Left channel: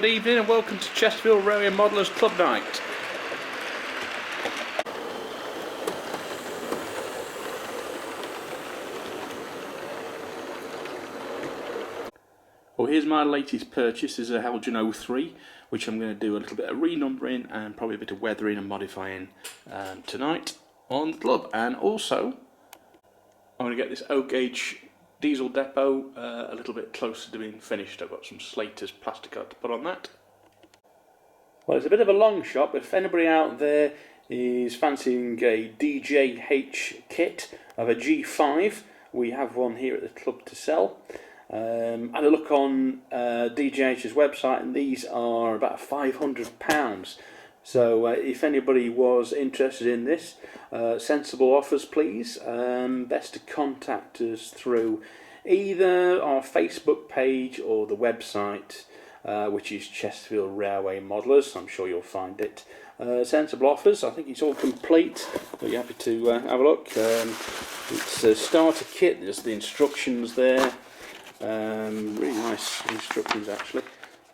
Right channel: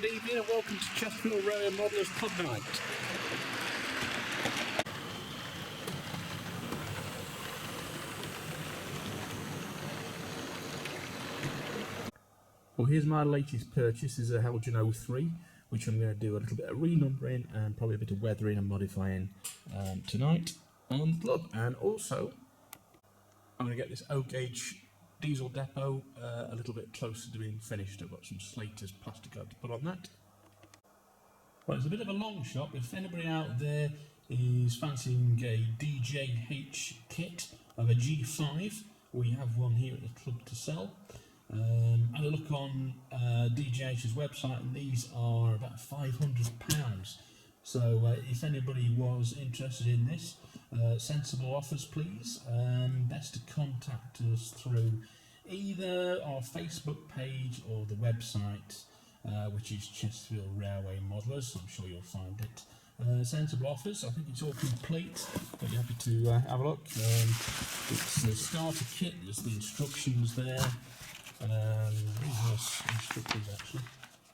Good evening and welcome to Chesterfield Railway Modellers Club Night. Well, here's my latest purchase. This is a Heljan 03, which I'm going to do a little bit of renumbering and probably a bit of weathering and modifying tonight on the club. And also, I'm going to get this O-gauge diesel depot a little bit closer to being finished. I've got some Slater's plasticard to put on that. Well, it's a bit of a long shot, but if anybody out there is fancying a DJH kit of a G5, we have one here at the club to sell. Had a look on DJH's website, and these are about £500. So if anybody was interested in this, sensible offers please. Best to contact us through either our Facebook page or the website, which is Chesterfield Railway Modellers. I'm sure you'll find it. Sensible offers. I think it's all complete. Are you happy to have a look? It's a starter kit. There's the instructions there. Really nice instructions actually.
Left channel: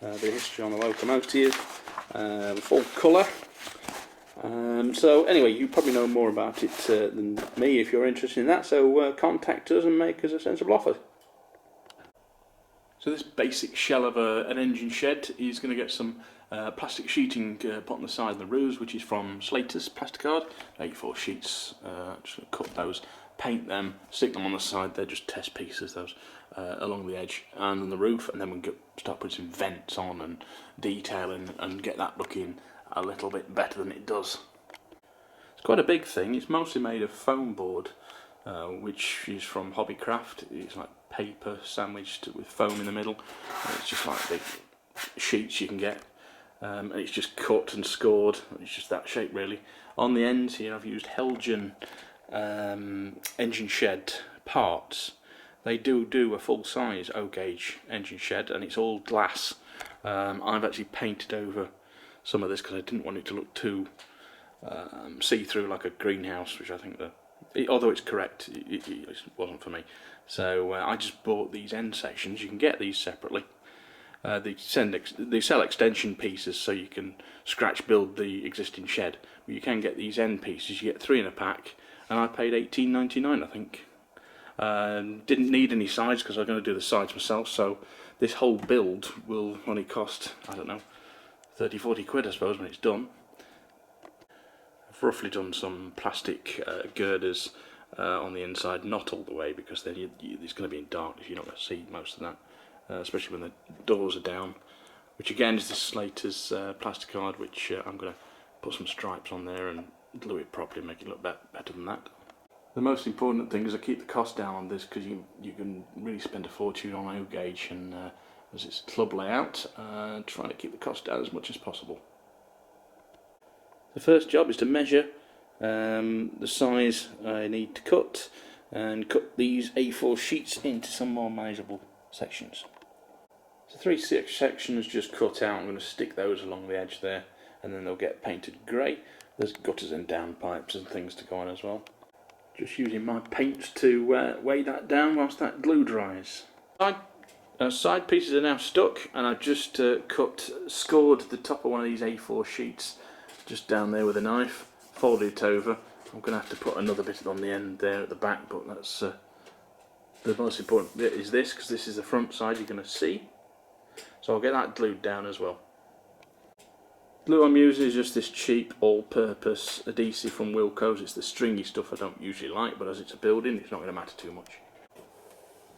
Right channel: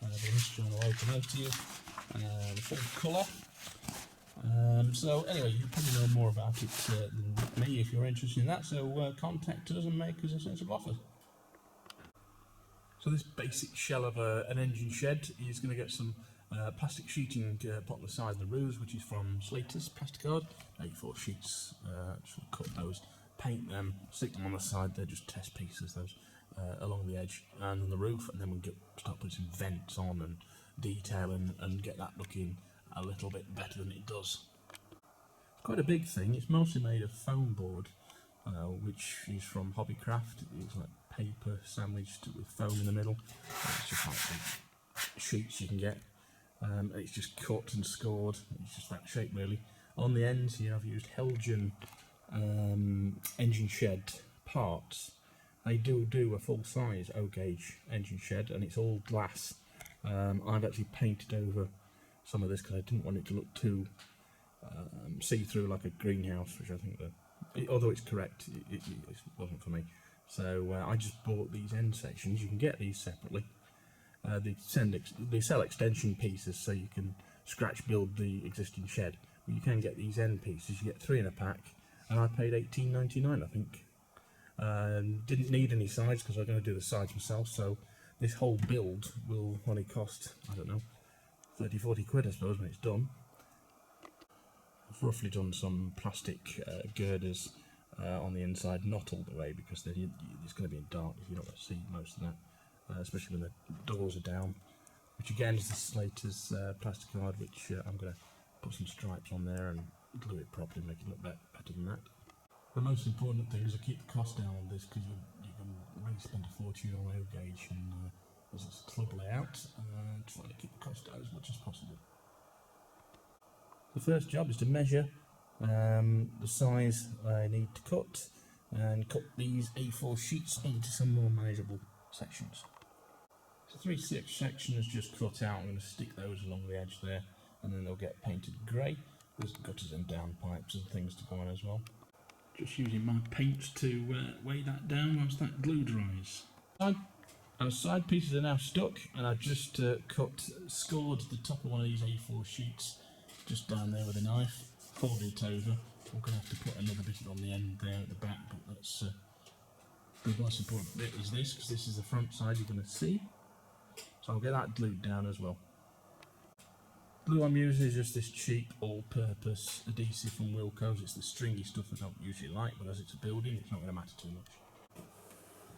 The history on the locomotive, full colour. So anyway, you probably know more about it than me if you're interested in that, so contact us and make us a sensible offer. So this basic shell of an engine shed is going to get some plastic sheeting put on the side of the roofs, which is from Slater's plasticard, 84 sheets. Just cut those, paint them, stick them on the side. They're just test pieces, those. Along the edge and on the roof, and then we can start putting some vents on and detailing and get that looking a little bit better than it does. It's quite a big thing. It's mostly made of foam board, which is from Hobbycraft. It's like paper sandwiched with foam in the middle. It's just like big sheets you can get, and it's just cut and scored. It's just that shape really. On the ends here I've used Heljan engine shed parts. They do a full-size O-gauge engine shed, and it's all glass. I've actually painted over some of this because I didn't want it to look too see-through like a greenhouse, which I think although it's correct, it wasn't for me. So I just bought these end sections. You can get these separately. They sell extension pieces, so you can scratch build the existing shed. But you can get these end pieces. You get 3 in a pack, and I paid £18.99, I think. Didn't need any sides because I was going to do the sides myself, so this whole build will only cost, I don't know, 30-40 quid I suppose when it's done. I've roughly done some plastic girders on the inside, not all the way, because then it's going to be in darkness, you're not going to see most of that, especially when the doors are down, which again is the Slater's plasticard, which I'm going to put some stripes on there and glue it properly, make it look better than that. The most important thing is to keep the cost down on this, because you can really spend a fortune on O-gauge, and as it's club layout, trying to keep the cost down as much as possible. The first job is to measure the size I need to cut, and cut these A4 sheets into some more manageable sections. So 3 sections just cut out. I'm going to stick those along the edge there, and then they'll get painted grey. There's gutters and downpipes and things to go on as well. Just using my paint to weigh that down whilst that glue dries. Side pieces are now stuck, and I've just scored the top of one of these A4 sheets just down there with a knife, folded it over. I'm going to have to put another bit on the end there at the back, but that's the most important bit is this, because this is the front side you're going to see. So I'll get that glued down as well. Glue I'm using is just this cheap all-purpose adhesive from Wilko's. It's the stringy stuff I don't usually like, but as it's a building, it's not going to matter too much.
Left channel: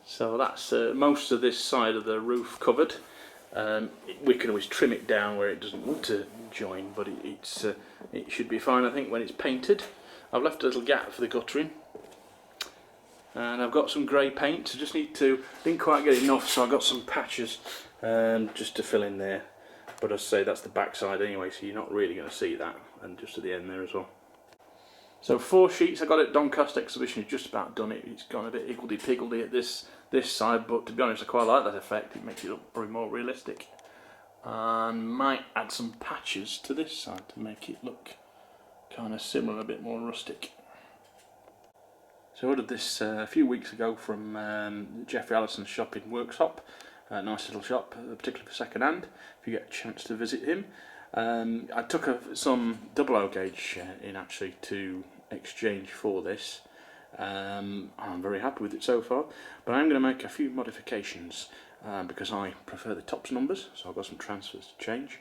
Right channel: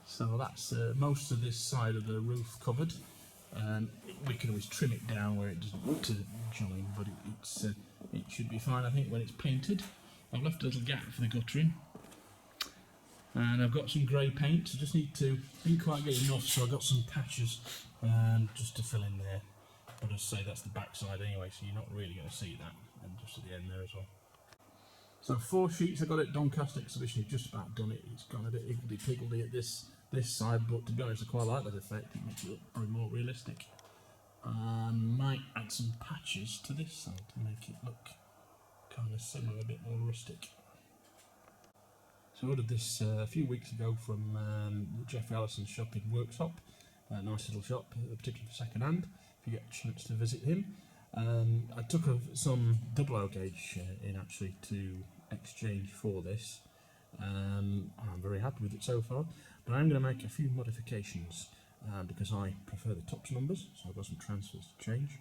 So that's most of this side of the roof covered. We can always trim it down where it doesn't join, but it should be fine, I think, when it's painted. I've left a little gap for the guttering, and I've got some grey paint. I just didn't quite get enough, so I've got some patches just to fill in there. But as I say, that's the back side anyway, so you're not really going to see that, and just at the end there as well. So 4 sheets I got at Doncaster Exhibition, just about done it. It's gone a bit higgledy-piggledy at this side, but to be honest I quite like that effect. It makes it look probably more realistic. And might add some patches to this side to make it look kind of similar, a bit more rustic. So I ordered this a few weeks ago from Jeffrey Allison's shop in Worksop. Nice little shop, particularly for second hand, if you get a chance to visit him. I took some 00 gauge in actually to exchange for this. I'm very happy with it so far, but I'm going to make a few modifications because I prefer the tops numbers, so I've got some transfers to change.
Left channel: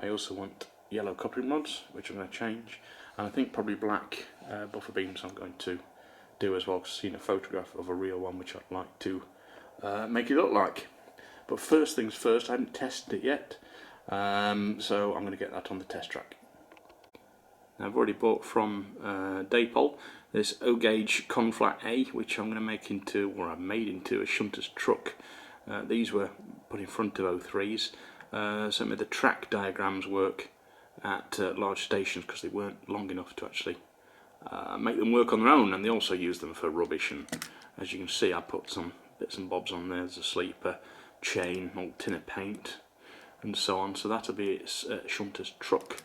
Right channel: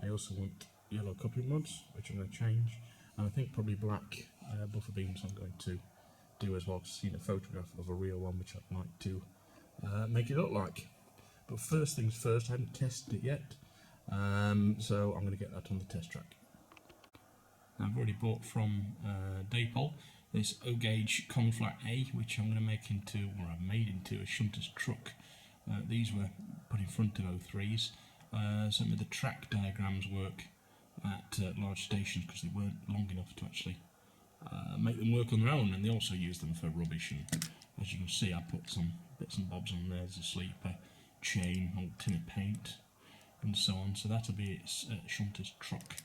I also want yellow coupling rods, which I'm going to change, and I think probably black buffer beams I'm going to do as well. I've seen a photograph of a real one which I'd like to make it look like. But first things first, I haven't tested it yet, so I'm going to get that on the test track. Now, I've already bought from Daypol this O-gauge conflat A, which I'm going to make into, or I've made into, a shunter's truck. These were put in front of O3s, so it made the track diagrams work at large stations because they weren't long enough to actually make them work on their own, and they also use them for rubbish. And as you can see, I put some bits and bobs on there. There's a sleeper, chain, old tin of paint, and so on. So that'll be its shunter's truck.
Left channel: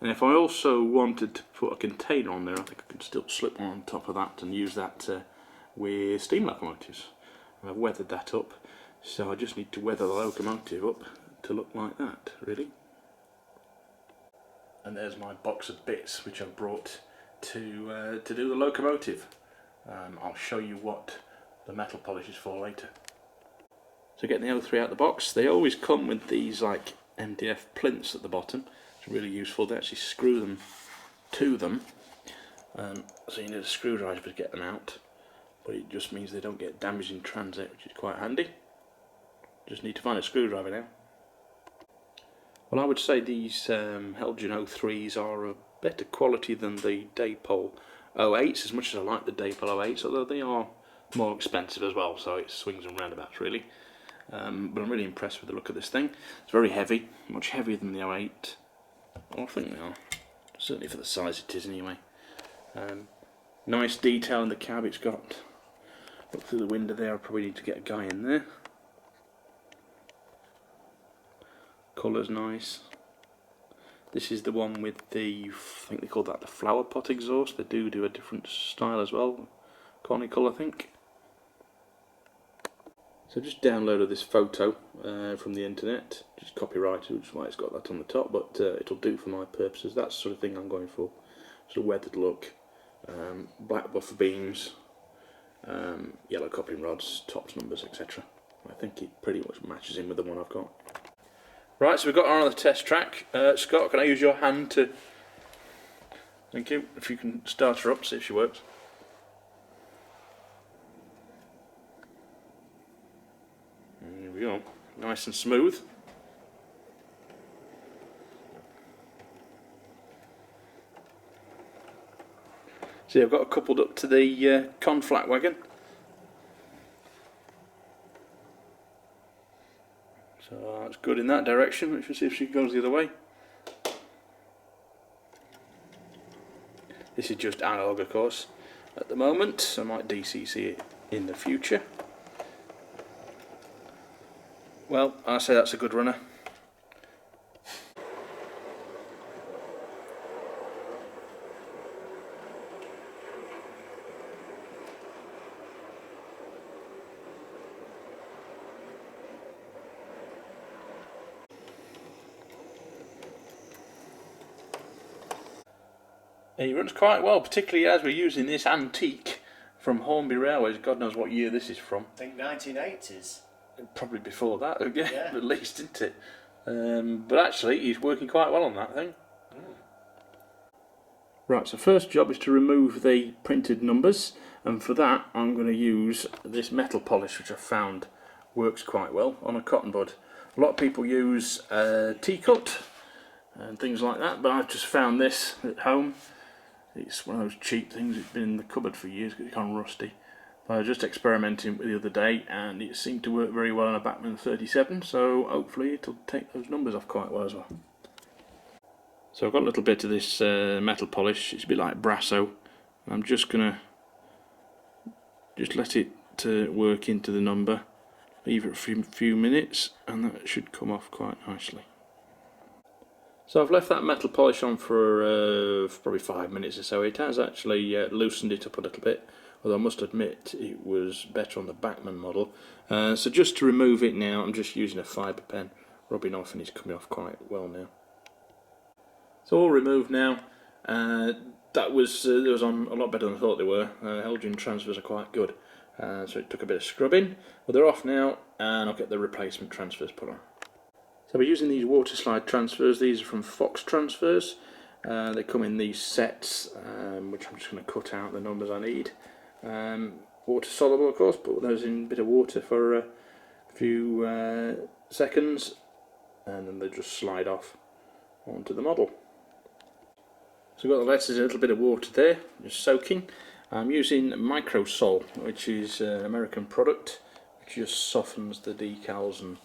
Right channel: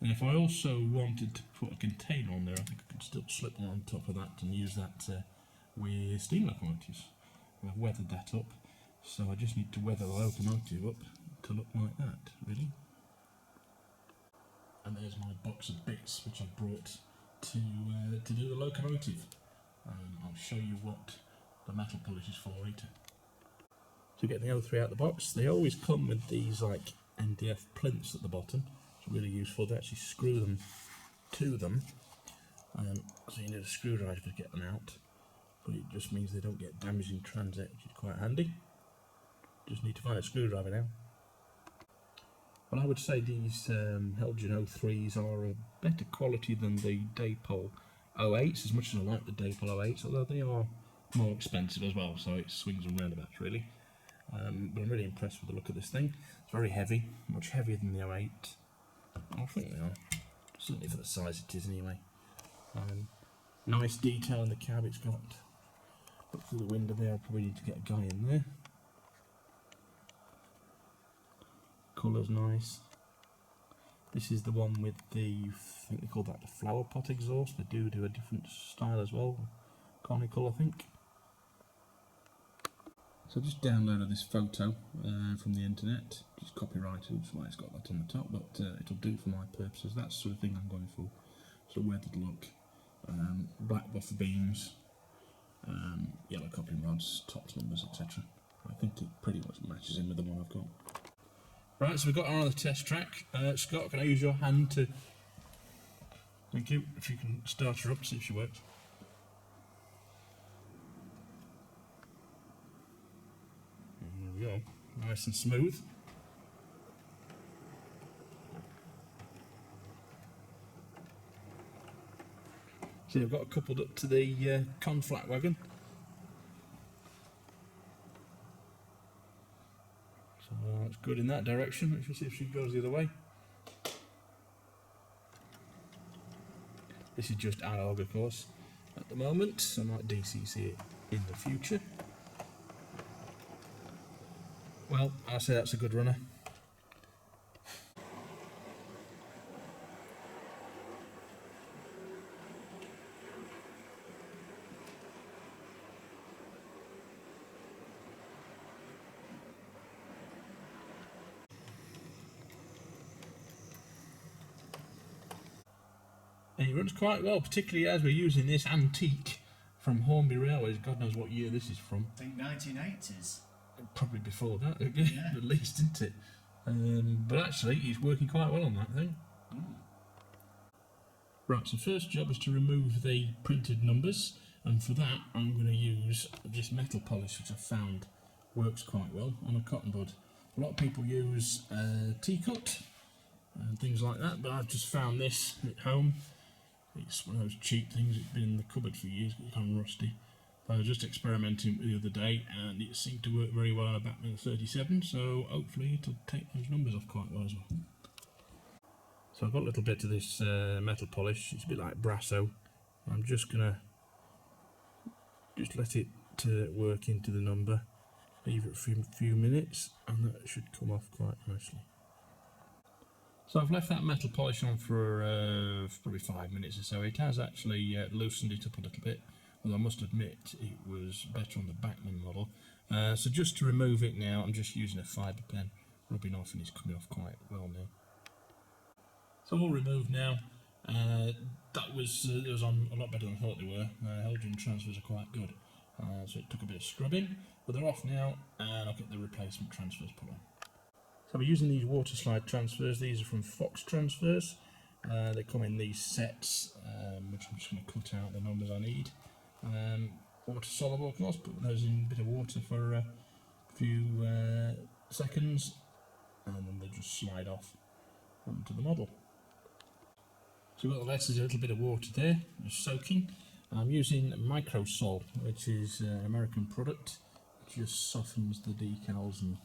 And if I also wanted to put a container on there, I think I could still slip one on top of that and use that with steam locomotives. And I've weathered that up, so I just need to weather the locomotive up to look like that, really. And there's my box of bits which I've brought to do the locomotive. I'll show you what the metal polish is for later. So getting the O3 out of the box, they always come with these like MDF plinths at the bottom. It's really useful. They actually screw them to them, so you need a screwdriver to get them out, but it just means they don't get damaged in transit, which is quite handy. Just need to find a screwdriver now. Well, I would say these Heljan 03s are a better quality than the Daypol 08s, as much as I like the Daypol 08s, although they are more expensive as well, so it swings and roundabouts really. But I'm really impressed with the look of this thing. It's very heavy, much heavier than the 08. Well, I think they are, certainly for the size it is anyway. Nice detail in the cab it's got. Look through the window there, I probably need to get a guy in there. Colour's nice. This is the one with the, I think they call that the flower pot exhaust. They do a different style as well, conical I think. So just downloaded this photo from the internet, just copyrighted, which is why it's got that on the top, but it'll do for my purposes. That's the sort of thing I'm going for. Sort of weathered look, black buffer beams, yellow coupling rods, tops numbers, etc. I think it pretty much matches in with the one I've got. Right, so we've got her on the test track. Scott, can I use your hand to... Thank you. If you can start her up, see if she works. There we go. Nice and smooth. See, I've got it coupled up to the conflat wagon. So that's good in that direction. Let's see if she goes the other way. This is just analog, of course, at the moment. I might DCC it in the future. Well, I say that's a good runner. It runs quite well, particularly as we're using this antique from Hornby Railways. God knows what year this is from. I think 1980s. Probably before that, yeah. At least, isn't it? But actually, it's working quite well on that thing. Right, so first job is to remove the printed numbers, and for that I'm going to use this metal polish, which I found works quite well on a cotton bud. A lot of people use T-cut and things like that, but I've just found this at home. It's one of those cheap things. It's been in the cupboard for years because it's kind of rusty. But I was just experimenting with it the other day, and it seemed to work very well on a Bachmann 37, so hopefully it'll take those numbers off quite well as well. So I've got a little bit of this metal polish. It's a bit like Brasso. I'm just going to let it work into the number, leave it for a few minutes, and that should come off quite nicely. So I've left that metal polish on for probably 5 minutes or so. It has actually loosened it up a little bit. although I must admit it was better on the Bachmann model. So just to remove it now, I'm just using a fibre pen, rubbing off, and it's coming off quite well now. So all removed now. That was on a lot better than I thought they were. Heljan transfers are quite good, so it took a bit of scrubbing, but they're off now, and I'll get the replacement transfers put on. So we're using these water slide transfers. These are from Fox Transfers. They come in these sets, which I'm just going to cut out the numbers I need. Water soluble, of course, put those in a bit of water for a few seconds, and then they just slide off onto the model. So we've got the letters in a little bit of water there, just soaking. I'm using Microsol, which is an American product, which just softens the decals and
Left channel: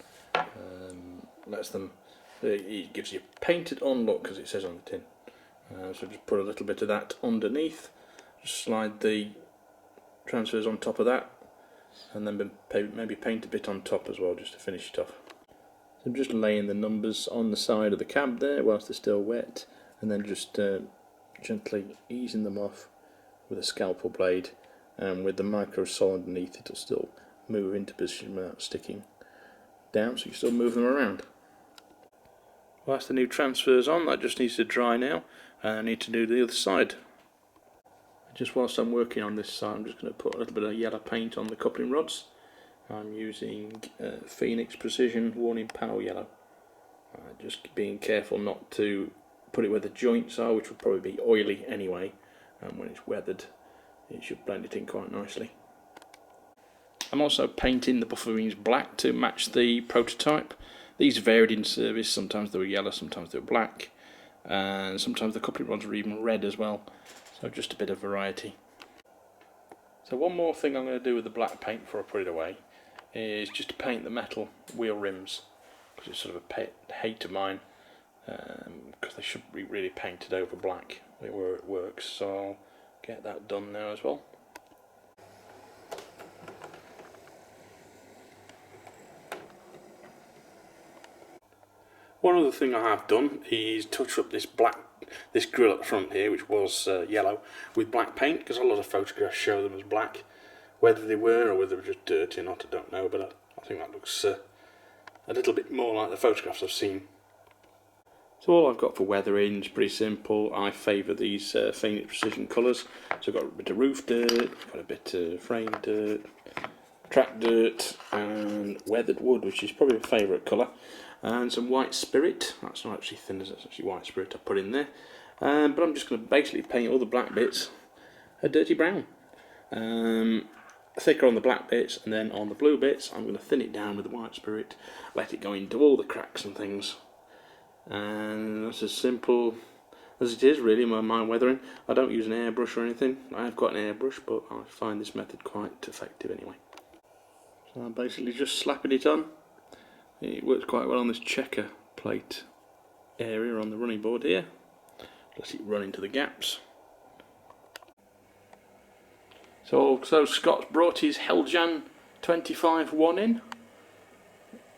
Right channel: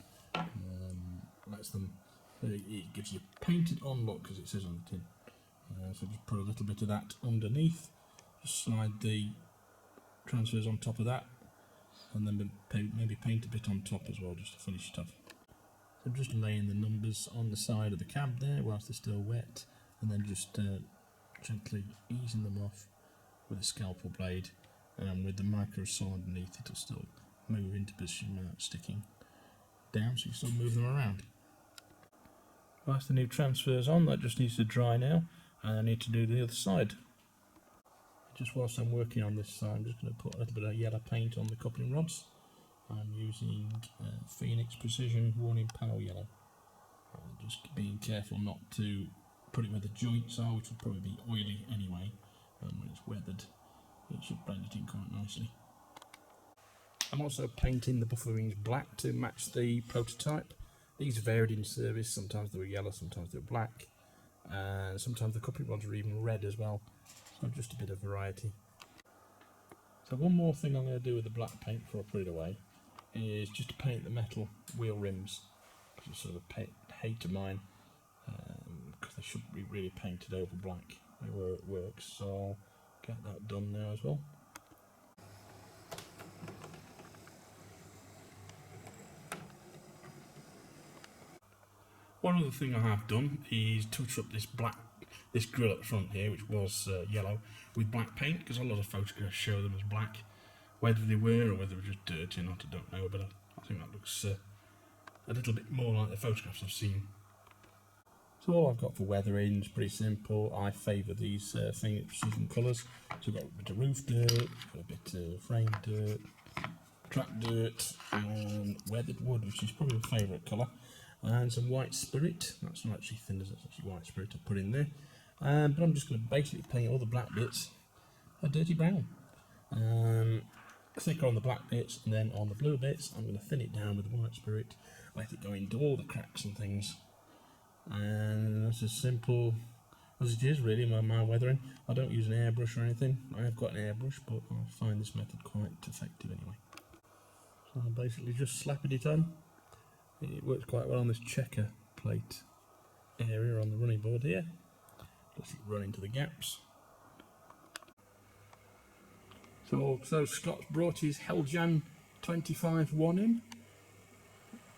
lets them, it gives you painted on look, as it says on the tin. So just put a little bit of that underneath, just slide the transfers on top of that, and then maybe paint a bit on top as well, just to finish it off. So I'm just laying the numbers on the side of the cab there whilst they're still wet, and then just gently easing them off with a scalpel blade, and with the Microsol underneath it'll still move into position without sticking down, so you still move them around. Well, that's the new transfers on. That just needs to dry now, and I need to do the other side. Just whilst I'm working on this side, I'm just going to put a little bit of yellow paint on the coupling rods. I'm using Phoenix Precision Warning Power Yellow. Just being careful not to put it where the joints are, which will probably be oily anyway, and when it's weathered it should blend it in quite nicely. I'm also painting the buffer rings black to match the prototype. These varied in service, sometimes they were yellow, sometimes they were black, and sometimes the coupling rods were even red as well, so just a bit of variety. So one more thing I'm going to do with the black paint before I put it away is just to paint the metal wheel rims, because it's sort of a pet hate of mine, because they should be really painted over black where it works, so I'll get that done now as well. One other thing I have done is touch up this grill at the front here, which was yellow, with black paint, because a lot of photographs show them as black. Whether they were or whether they were just dirty or not, I don't know, but I think that looks a little bit more like the photographs I've seen. So all I've got for weathering is pretty simple. I favour these Phoenix Precision colours. So I've got a bit of roof dirt, got a bit of frame dirt, track dirt, and weathered wood, which is probably my favourite colour. And some white spirit. That's not actually thin, that's actually white spirit I put in there. But I'm just going to basically paint all the black bits a dirty brown. Thicker on the black bits, and then on the blue bits I'm going to thin it down with the white spirit, let it go into all the cracks and things. And that's as simple as it is really, my weathering. I don't use an airbrush or anything. I've got an airbrush, but I find this method quite effective anyway. So I'm basically just slapping it on. It works quite well on this checker plate area on the running board here. Let it run into the gaps. So Scott's brought his Heljan 25-1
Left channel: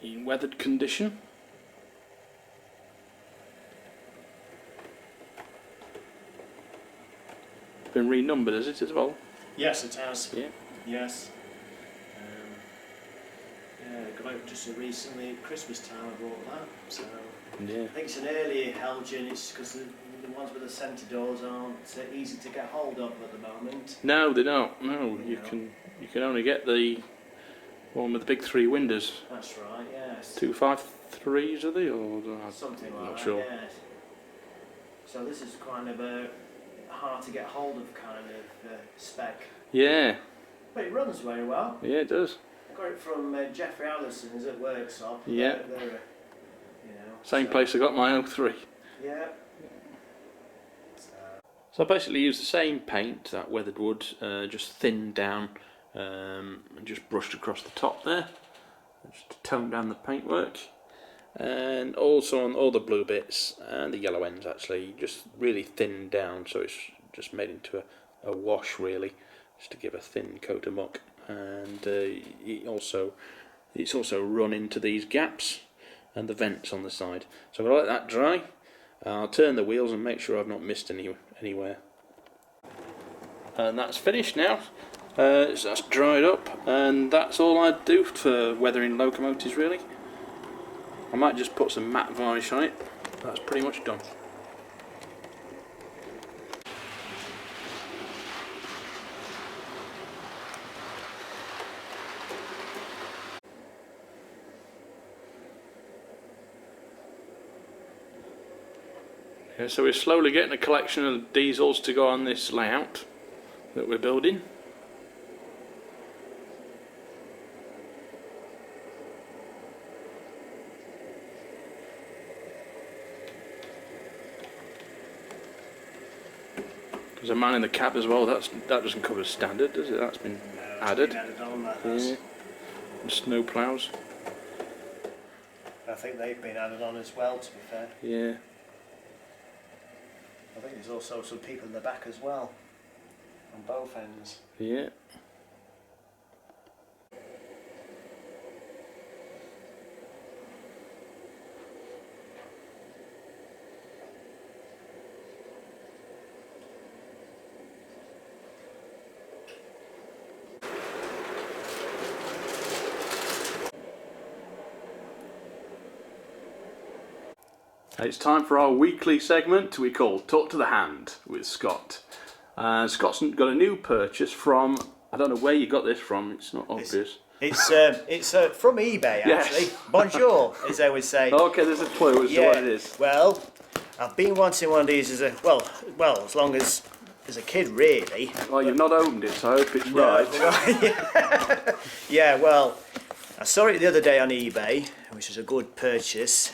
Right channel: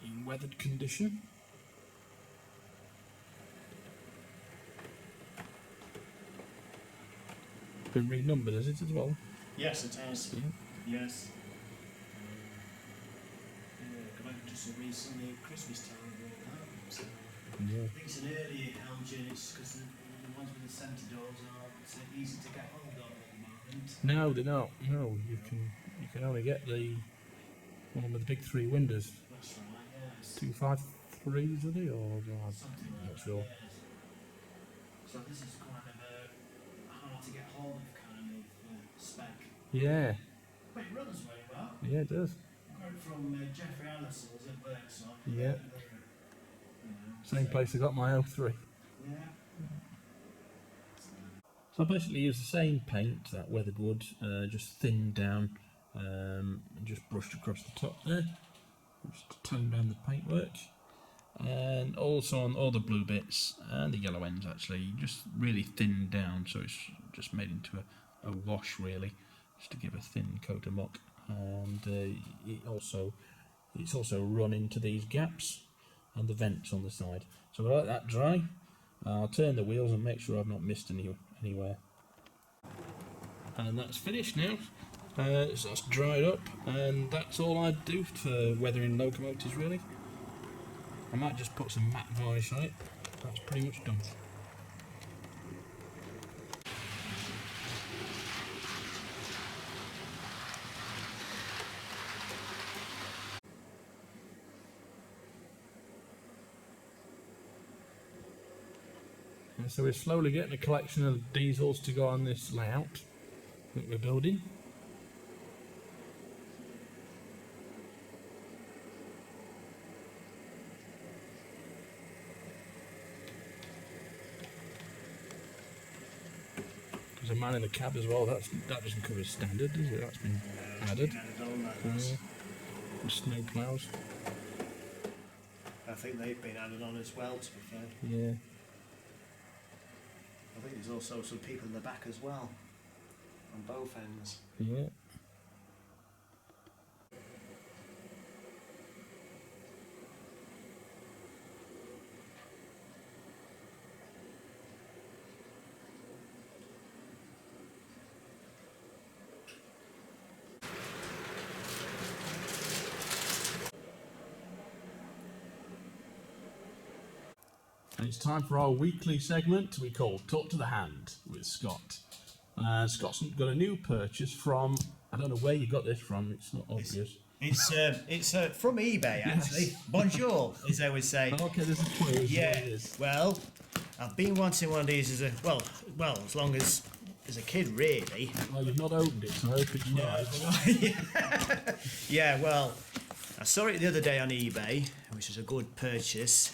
in weathered condition. Been renumbered, has it, as well? Yes, it has. Yeah. Yes. Got out just recently at Christmas time. I bought that. So Yeah. I think it's an earlier Heljan. It's because the ones with the centre doors aren't easy to get hold of at the moment. No, they don't. No, you can only get the one with the big 3 windows. That's right. Yes. 253s are they, or something like not that. sure. Yes. So this is kind of a hard to get hold of kind of spec. Yeah. But it runs very well. Yeah, it does. I got it from Jeffrey Allison's at Workshop. Yeah. They're Same place I got my 03. Yeah. So I basically use the same paint, that weathered wood, just thinned down and just brushed across the top there, just to tone down the paintwork. And also on all the blue bits and the yellow ends actually, just really thinned down, so it's just made into a wash really, just to give a thin coat of muck. And it's also run into these gaps and the vents on the side. So I'll let that dry. I'll turn the wheels and make sure I've not missed anywhere. And that's finished now. So that's dried up, and that's all I'd do for weathering locomotives really. I might just put some matte varnish on it. That's pretty much done. Yeah, so we're slowly getting a collection of diesels to go on this layout that we're building. There's a man in the cab as well. That doesn't cover standard, does it? That's been added. Been added on, that has. And snow ploughs. I think they've been added on as well, to be fair. Yeah. I think there's also some people in the back as well, on both ends. Yeah. It's time for our weekly segment we call Talk to the Hand with Scott. Scott's got a new purchase from, I don't know where you got this from, it's not obvious. It's from eBay, actually. Yes. Bonjour, as they would say. Okay, there's a clue as to what it is. Well, I've been wanting one of these as a, well, as long as a kid, really. Well, you've not opened it, so I hope it's right. Yeah, well, I saw it the other day on eBay, which was a good purchase.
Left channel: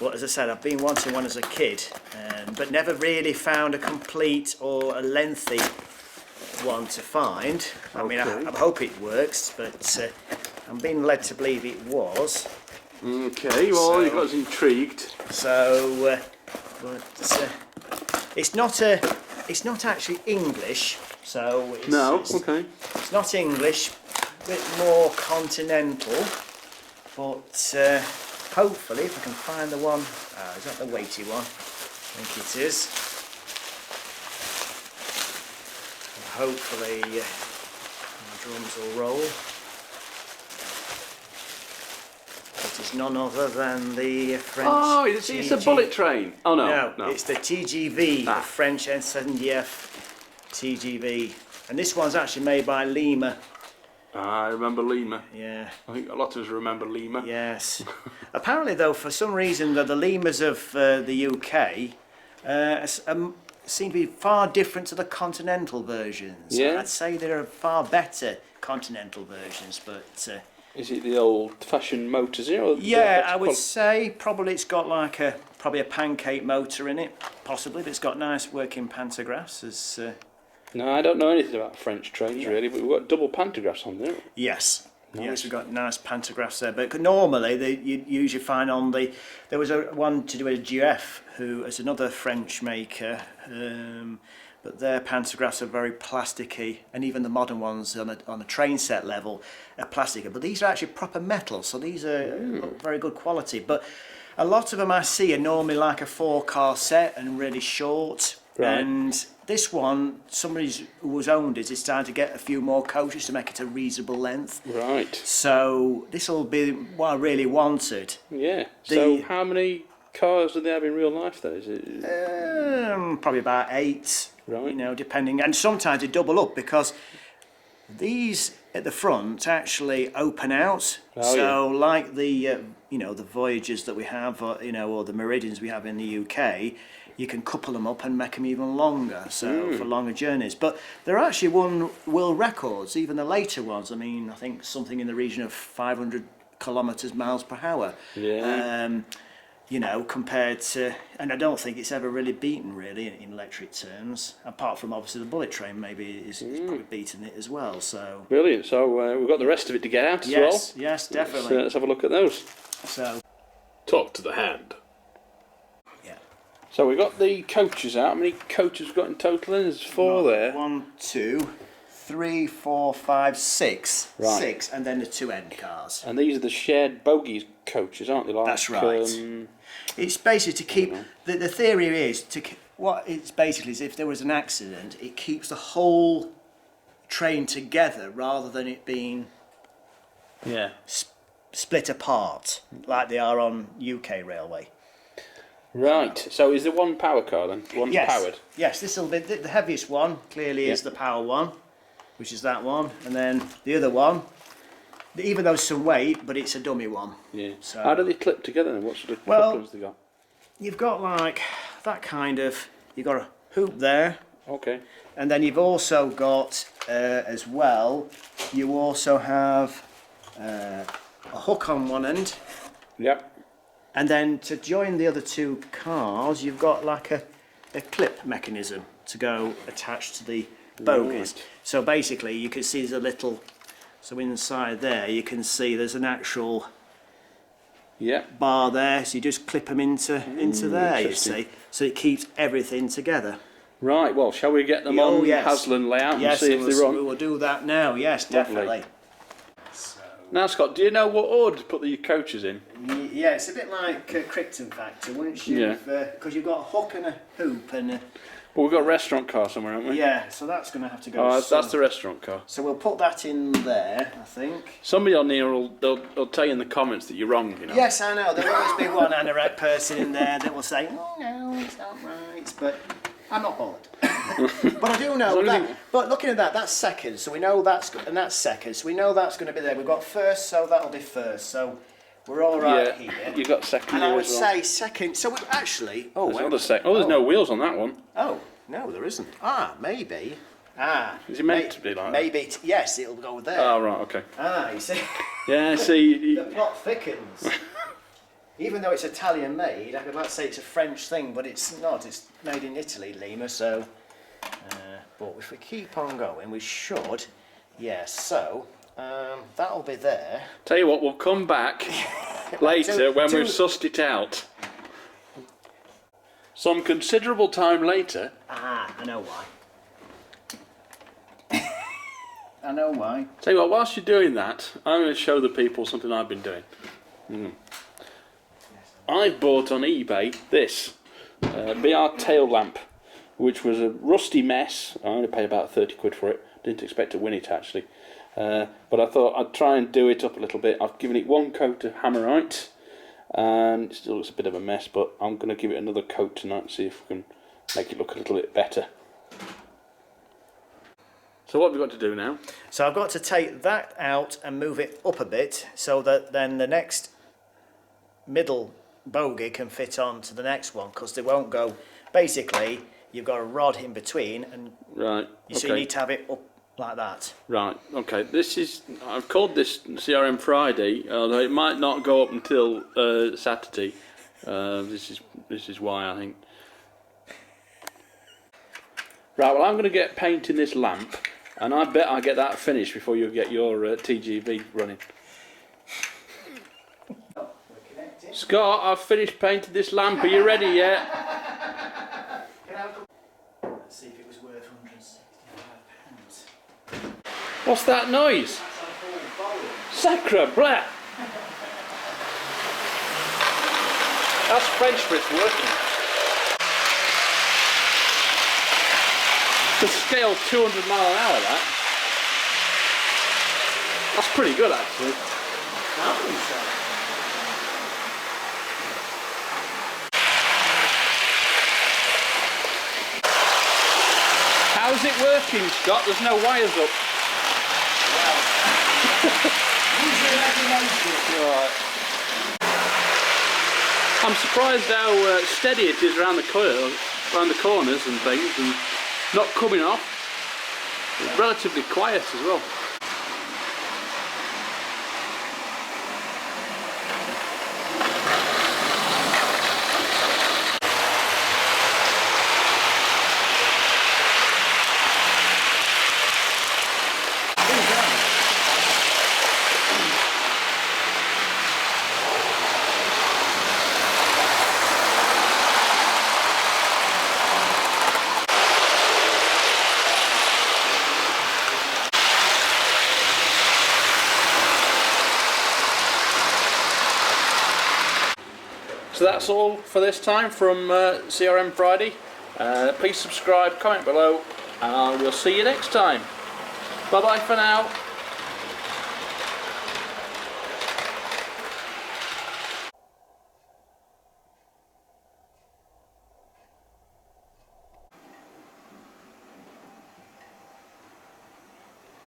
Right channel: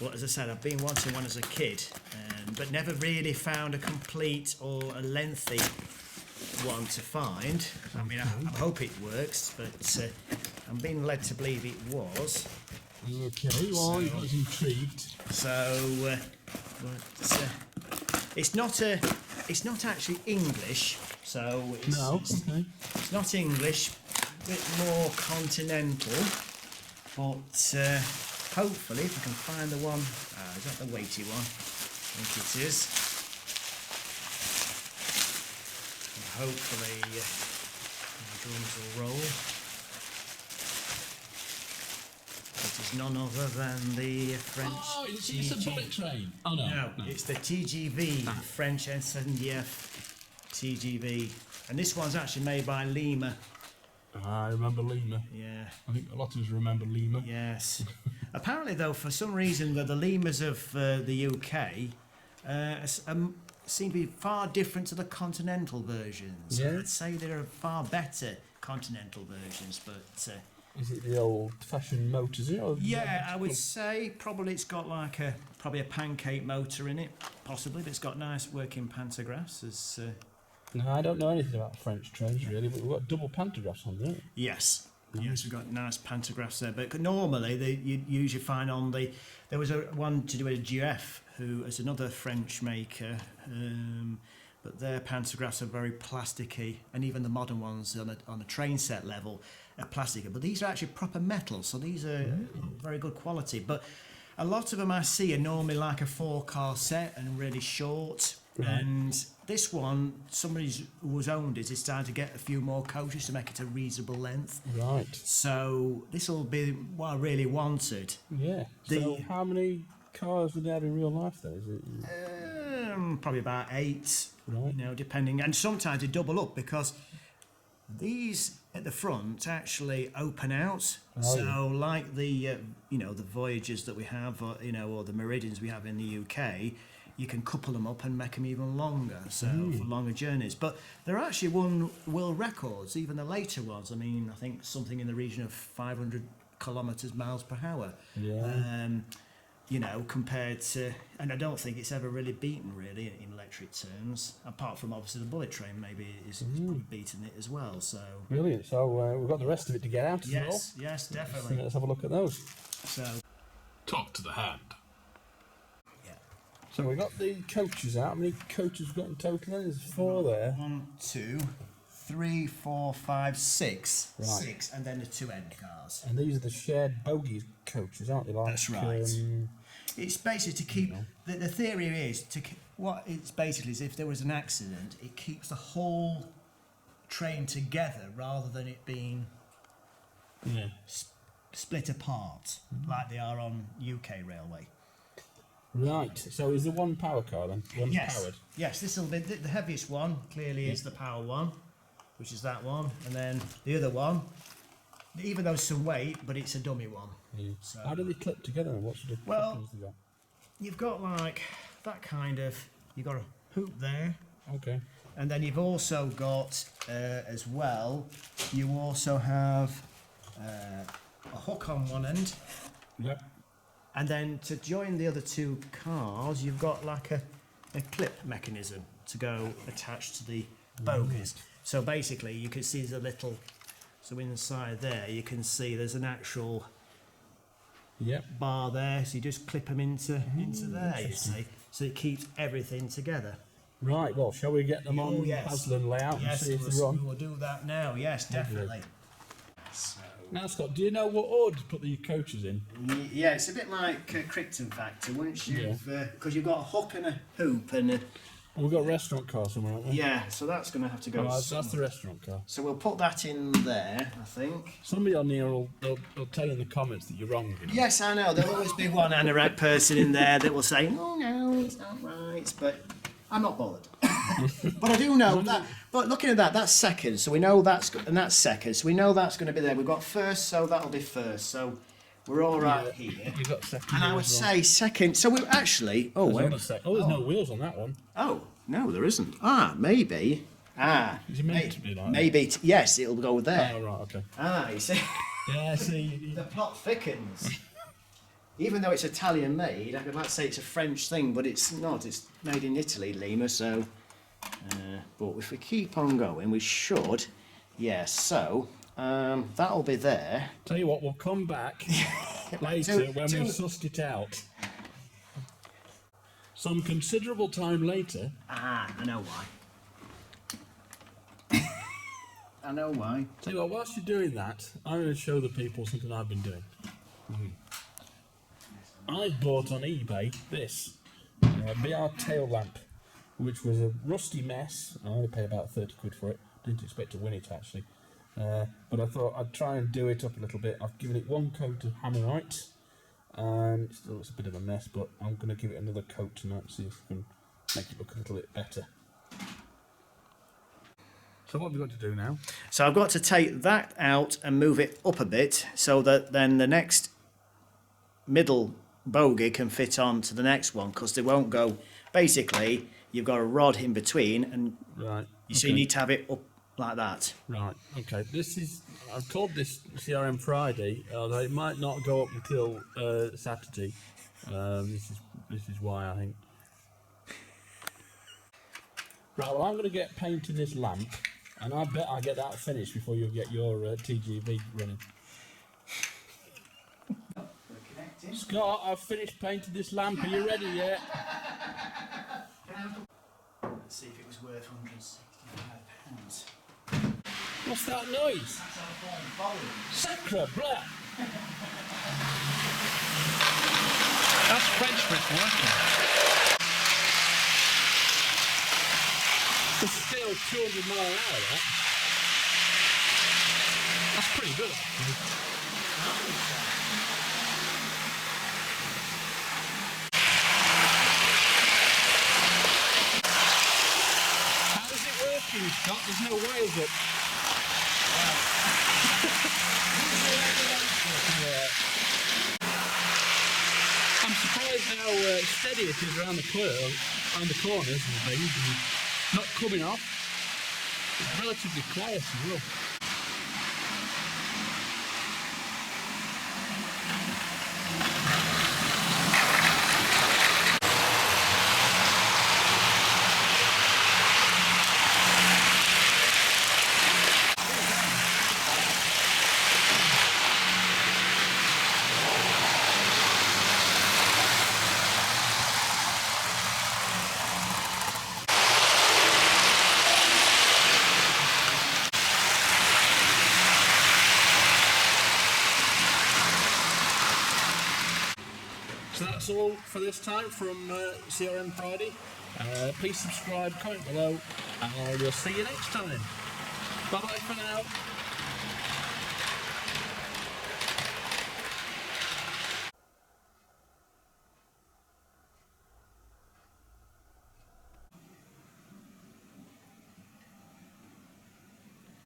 But as I said, I've been wanting one as a kid, but never really found a complete or a lengthy one to find. I mean, I hope it works, but I'm being led to believe it was. Okay, well, you got us intrigued. So, but it's not actually English. So it's not English, a bit more continental, but. Hopefully, if I can find the one, is that the weighty one? I think it is. And hopefully, my drums will roll. It is none other than the French. Oh, it's a bullet train. Oh no, no, it's the TGV, the French SNDF TGV, and this one's actually made by Lima. I remember Lima. Yeah. I think a lot of us remember Lima. Yes. Apparently, though, for some reason, the Limas of the UK seem to be far different to the continental versions. Yeah. I'd say there are far better continental versions, but... is it the old-fashioned motors? Or yeah, I would say probably it's got like probably a pancake motor in it, possibly, but it's got nice working pantographs as... No, I don't know anything about French trains really, but we've got double pantographs on there. Yes. Nice. Yes, we've got nice pantographs there. But normally, you usually find on the... There was one to do with GF, who is another French maker, but their pantographs are very plasticky, and even the modern ones on a train set level are plasticky. But these are actually proper metal, so these are very good quality. But a lot of them I see are normally like a 4-car set and really short. Right. And this one, somebody who was owned it is starting to get a few more coaches to make it a reasonable length. Right. So this will be what I really wanted. Yeah. So how many cars do they have in real life, though? Is it? Probably about 8. Right. You know, depending, and sometimes they double up because these at the front actually open out. Oh, so like the the Voyagers that we have, or the Meridians we have in the UK. You can couple them up and make them even longer, so for longer journeys. But they're actually won world records, even the later ones. I mean, I think something in the region of 500 miles per hour. Yeah. Compared to, and I don't think it's ever really beaten really in electric terms, apart from obviously the bullet train maybe is probably beaten it as well. So brilliant. So we've got the rest of it to get out as well. Yes, definitely. Let's have a look at those. So talk to the hand. So we've got the coaches out. How many coaches we've got in total? There's 4 there. 1, 2, 3, 4, 5, 6. Right. 6, and then the 2 end cars. And these are the shared bogies coaches, aren't they? Like, that's right. It's basically to keep... The theory is, what it's basically is if there was an accident, it keeps the whole train together rather than it being split apart like they are on UK railway. Right. So is there one power car then? One powered? Yes, this will be the heaviest one. Clearly is the power one, which is that one, and then the other one. Even though it's some weight, but it's a dummy one. Yeah. So how do they clip together then? What sort of couplings they got? You've got like that kind of. You've got a hoop there. Okay. And then you've also got as well. You also have a hook on one end. Yep. And then to join the other two cars, you've got like a clip mechanism to go attached to the bogies. Right. So basically, you can see there's a little. So inside there, you can see there's an actual bar there. So you just clip them into there. You see, so it keeps everything together. Right. Well, shall we get them on Hasland layout and see if they're on? We will do that now. Yes, definitely. So. Now, Scott, do you know what order to put the coaches in? Yeah, it's a bit like Crichton Factor. Once you've because you've got a hook and a hoop and. Well, we've got a restaurant car somewhere, haven't we? Yeah, so that's going to have to go. Oh, that's the restaurant car. So we'll put that in there, I think. Somebody on here will tell you in the comments that you're wrong, you know. Yes, I know. There'll always be one anorak person in there that will say, "Oh no, it's not right," but I'm not bothered. But I do know that. But looking at that, that's second. So we know that's second. So we know that's going to be there. We've got first, so that'll be first. So we're all right here. You got second. And I would say second. So we actually. Oh, there's another second. Oh, there's no wheels on that one. Oh no, there isn't. Maybe. Is it meant to be like maybe that? Yes, it'll go there. Oh right, okay. You see. Yeah, see. The plot thickens. Even though it's Italian made, I could like say it's a French thing, but it's not. It's made in Italy, Lima. So, but if we keep on going, we should. Yes. So. That'll be there. Tell you what, we'll come back later when we've sussed it out. Some considerable time later. I know why. I know why. Tell you what, whilst you're doing that, I'm going to show the people something I've been doing. I bought on eBay this BR tail lamp, which was a rusty mess. I only paid about 30 quid for it. Didn't expect to win it actually. But I thought I'd try and do it up a little bit. I've given it one coat of Hammerite, and it still looks a bit of a mess, but I'm going to give it another coat tonight and see if we can make it look a little bit better. So what have we got to do now? So I've got to take that out and move it up a bit so that then the next middle bogie can fit on to the next one, because they won't go. Basically, you've got a rod in between, and so you need to have it up like that. Right, okay. I've called this C.R.M. Friday, although it might not go up until Saturday. This is why, I think. Right, well, I'm going to get painting this lamp, and I bet I'll get that finished before you get your TGV running. Scott, I've finished painting this lamp. Are you ready yet? Let's see if it was worth £165. What's that noise? That's our full volume. Sacre bleu! That's French for it's working. The scale 200 mile an hour, that. That's pretty good, actually. I think so. How's it working, Scott? There's no wires up. I'm surprised how steady it is around the corners and things, and not coming off. It's relatively quiet as well. So that's all for this time from C.R.M. Friday. Please subscribe, comment below, and we'll see you next time. Bye bye for now.